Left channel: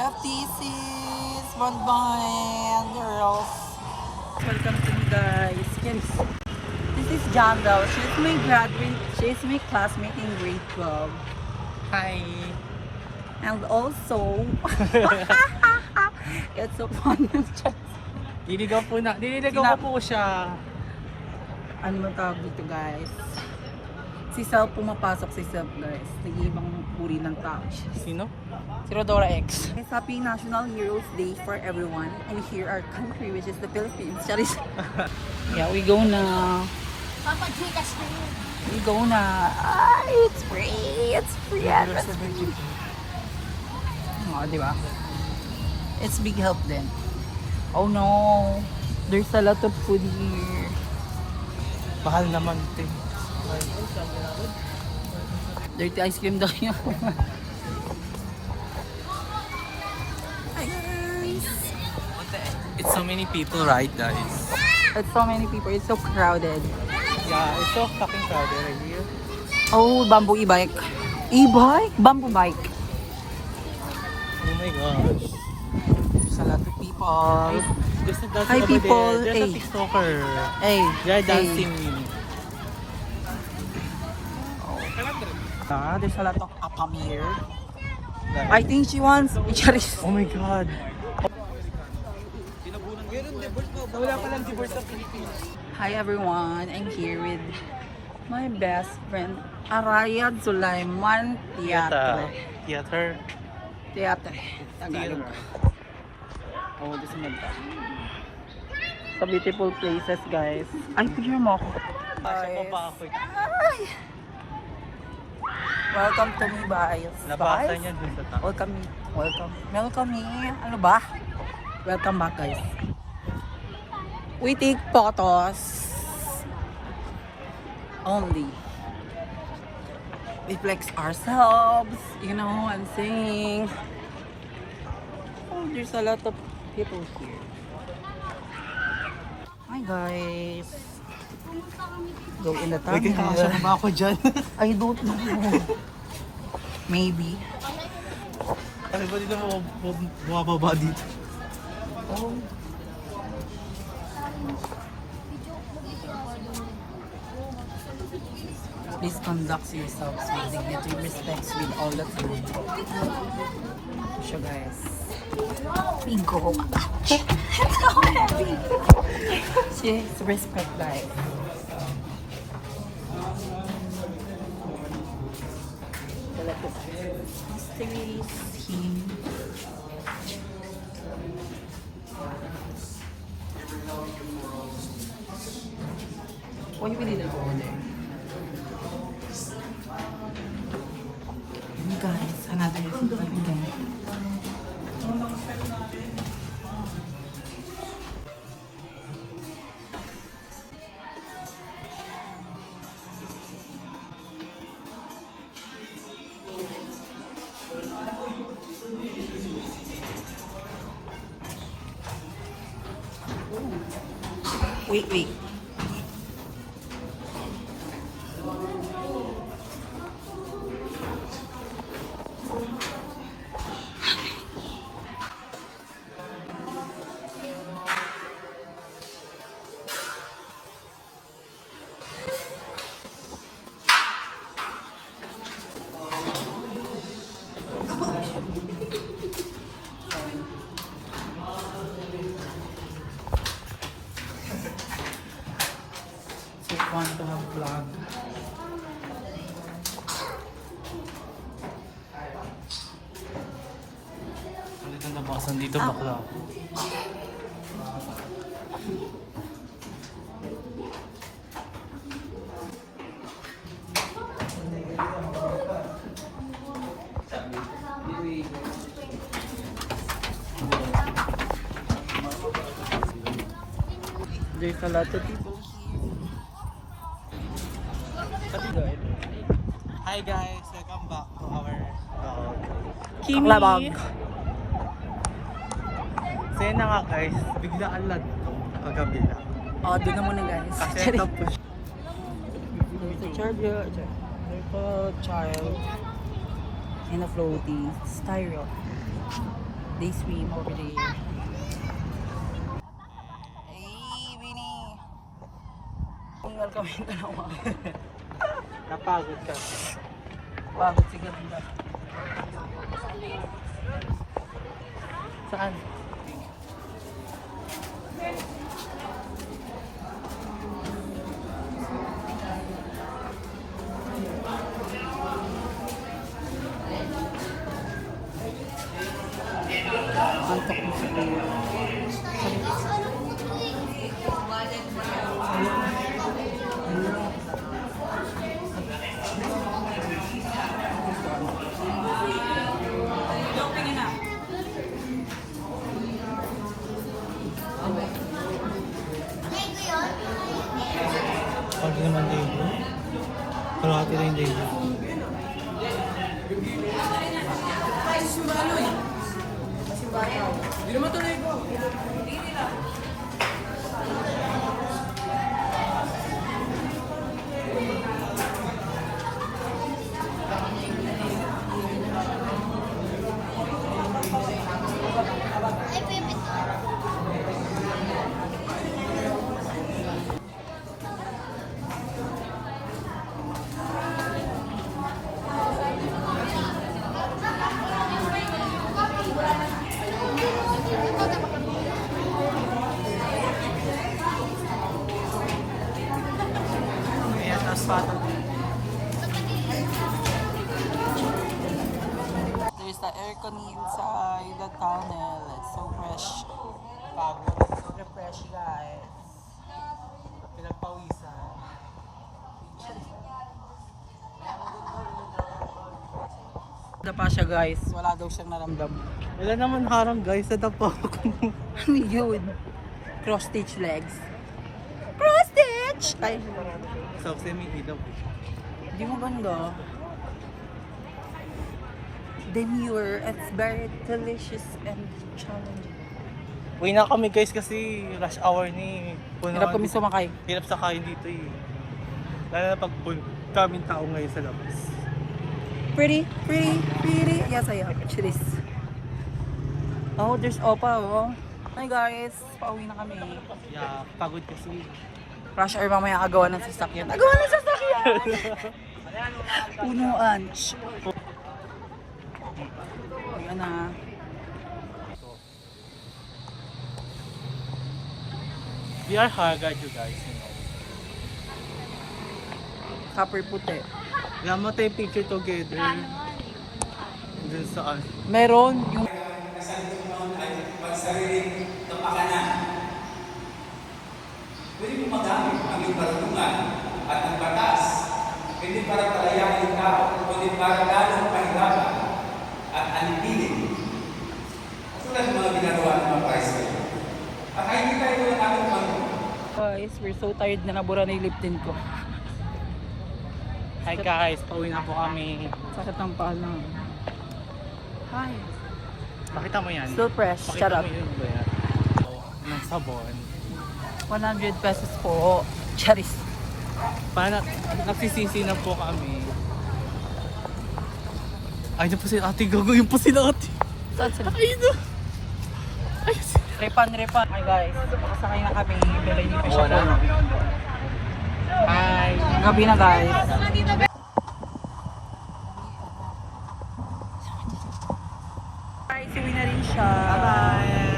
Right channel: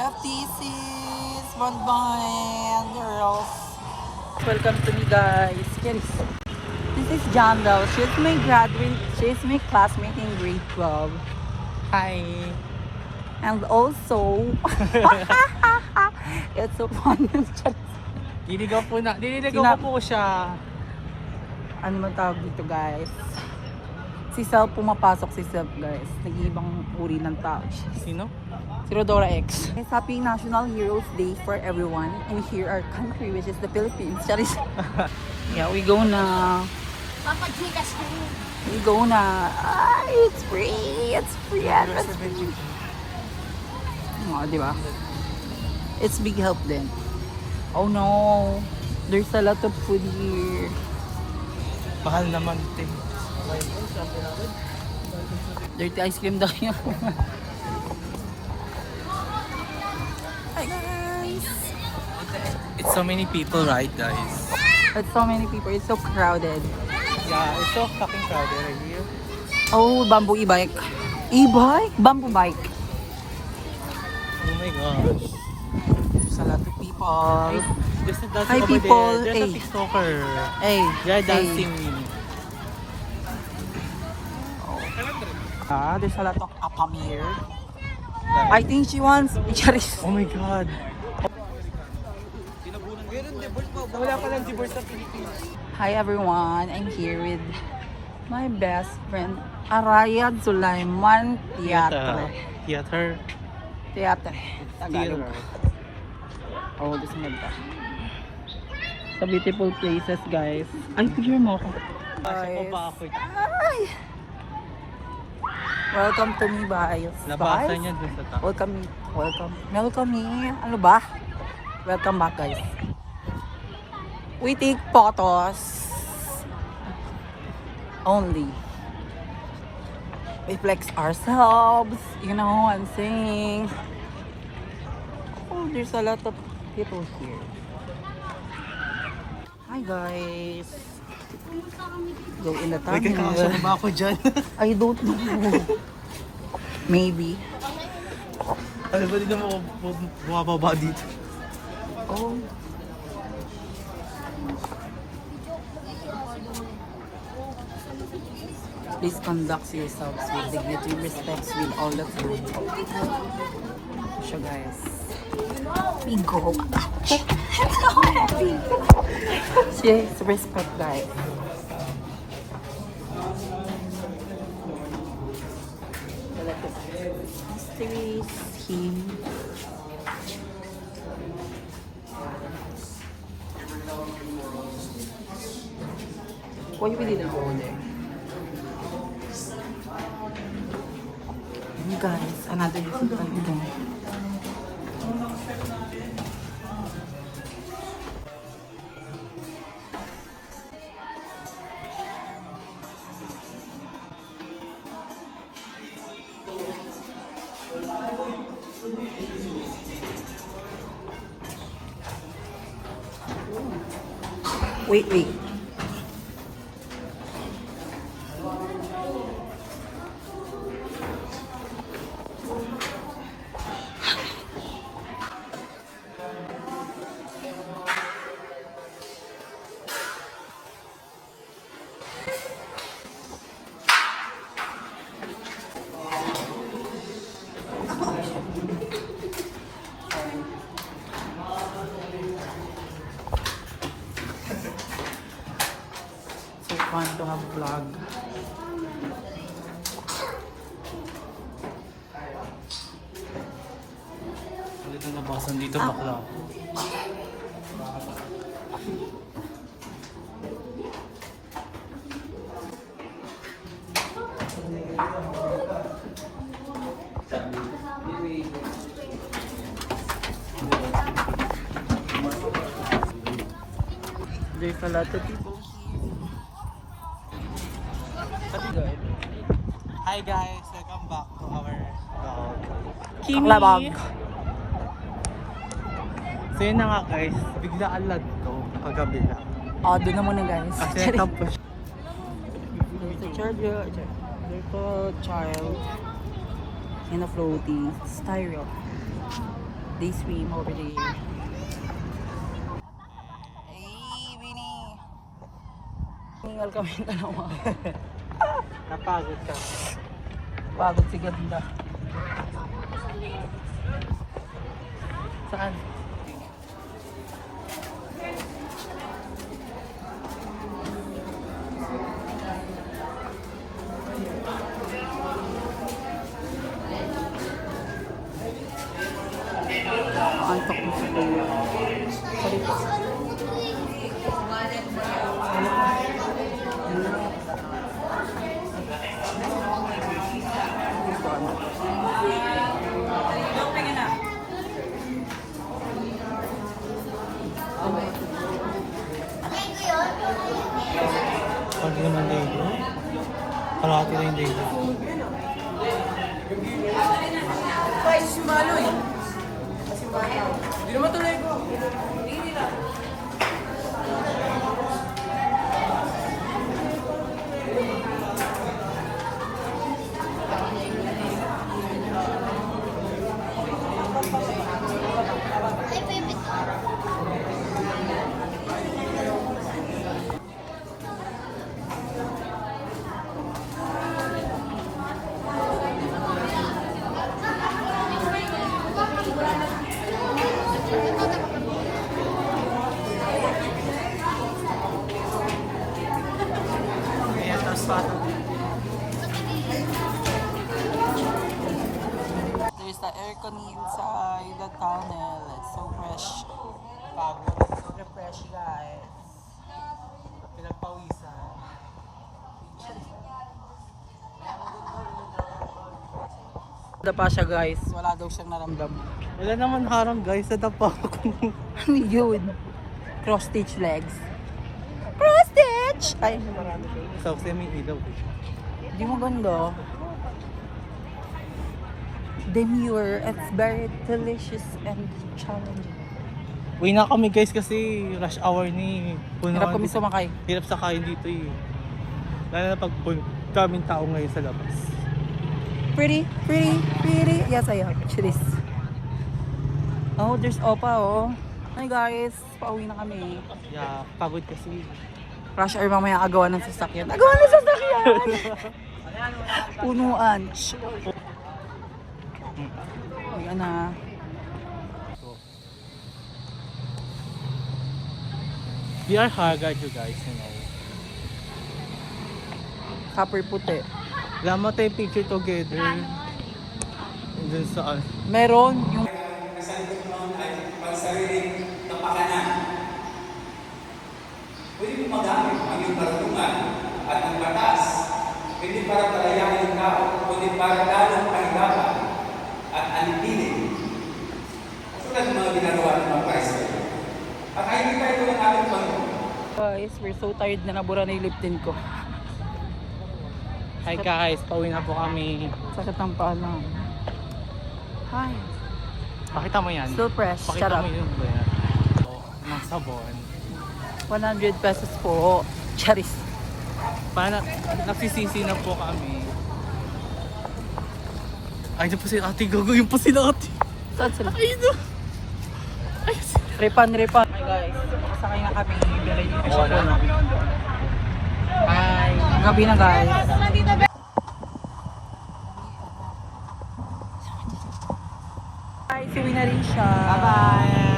FTCs, bonbon, girls. Welcome to me, guys. This is Janda. She's my classmate in grade 12. Hi. And also, it's so fun. Diligaw ko po siya. Ano man tawag dito, guys? Si Sel pumapasok si Sel, guys. Nag-iibang uri ng tao. Sino? Sino Dora X? It's Happy National Heroes Day for everyone. And here our country, which is the Philippines. Charis. Yeah, we go na. We go na. Ah, it's free. It's free. It's free. Oh, diba? It's big help then. Oh no. There's a lot of food here. Mahal naman, te. Dirty ice cream daw yun. Hi guys! It's so many people, right, guys? It's so many people. It's so crowded. Yeah, it's so fucking crowded. Are you? Oh, bamboo e-bike. E-bike? Bamboo bike. Oh my gosh. There's a lot of people. There's a dancing Hi, over people. there. There's Hey. a TikToker. Hey. They're hey. dancing. Ah, there's a lot of apam here. I think she wants Charis. Oh my god. Wala ka lang divorce sa Pilipinas. Hi everyone, I'm here with my best friend Arayad Sulaiman Teatre. Tagalog. Oh, this is sa beautiful places, guys. Ay, picture mo ako. Guys. Ay. Welcome to me, guys. Nabasa niya dun sa top. Welcome me. Ano ba? Welcome back, guys. We take photos only. We flex ourselves. You know what I'm saying? Oh, there's a lot of people here. Hi, guys. Go in the Uy, kakasya mo ba ako dyan? I don't know. Maybe. Ano ba din mo bumababa dito? Oh. Please conduct yourselves with dignity, respect with all the time. So guys, we go. Yes, respect guys. Why we didn't go there? You guys, another difficult again. Wait. Want to have vlog. Ulit na nabasan dito bakla. There's a lot of people. Hi guys, welcome back to our vlog. Aklabag. So yun na nga guys, bigla alad ko kagabi lang. Oh, doon na muna guys. Kasi tapos There's a child in a floaty styrene. They swim over there. Hey, Winnie! Tinggal kami na. Napagod ka. Pagod si Ganda. Saan? Tutok mo sa kayo. Hindi naman dito. Kalahati rin dito. Hindi naman tunay ko. There's the aircon inside the tunnel. It's so fresh. Pagod. So refresh, guys. Pinagpawisan. Wala pa siya, guys. Wala daw siyang naramdam. Wala naman harang guys sa dapo. Ano yun? Cross stitch legs. Cross stitch! Ay, So, may ilaw. di mo ganda. Demure. It's very delicious and challenging. Uwi na kami guys kasi rush hour ni. Hirap kami sumakay. Hirap sakay dito eh. Lalo na pag daming tao ngayon sa labas. Pretty, pretty, pretty. Yes, I am. Cheers. Oh, there's Opa, oh. Hey guys, pauwi na kami. Yeah, pagod kasi. Rush hour mamaya agawa ng sasakyan. Agawa ng sasakyan! Punuan. Shh. Ayan na. We are Haggard you guys. Copper puti. Lama tayo picture together. And then saan? Meron yung... Guys, we're so tired na nabura na yung lip tint ko. Hi guys, pauwi na po kami. Sakit ng paa lang. Hi. Pakita mo yan. Still fresh. Shut up. Ng sabon. 100 pesos po. Charis. Para nagsisisi na po kami. Ay, na po si ate Gogo. Yung po si ate. Saan sila? Ay, no. Repan. Hi guys. Makasakay na kami. Pero hindi pa siya puno. Hi. Gabi na guys. Guys, uwi na rin siya. Bye-bye.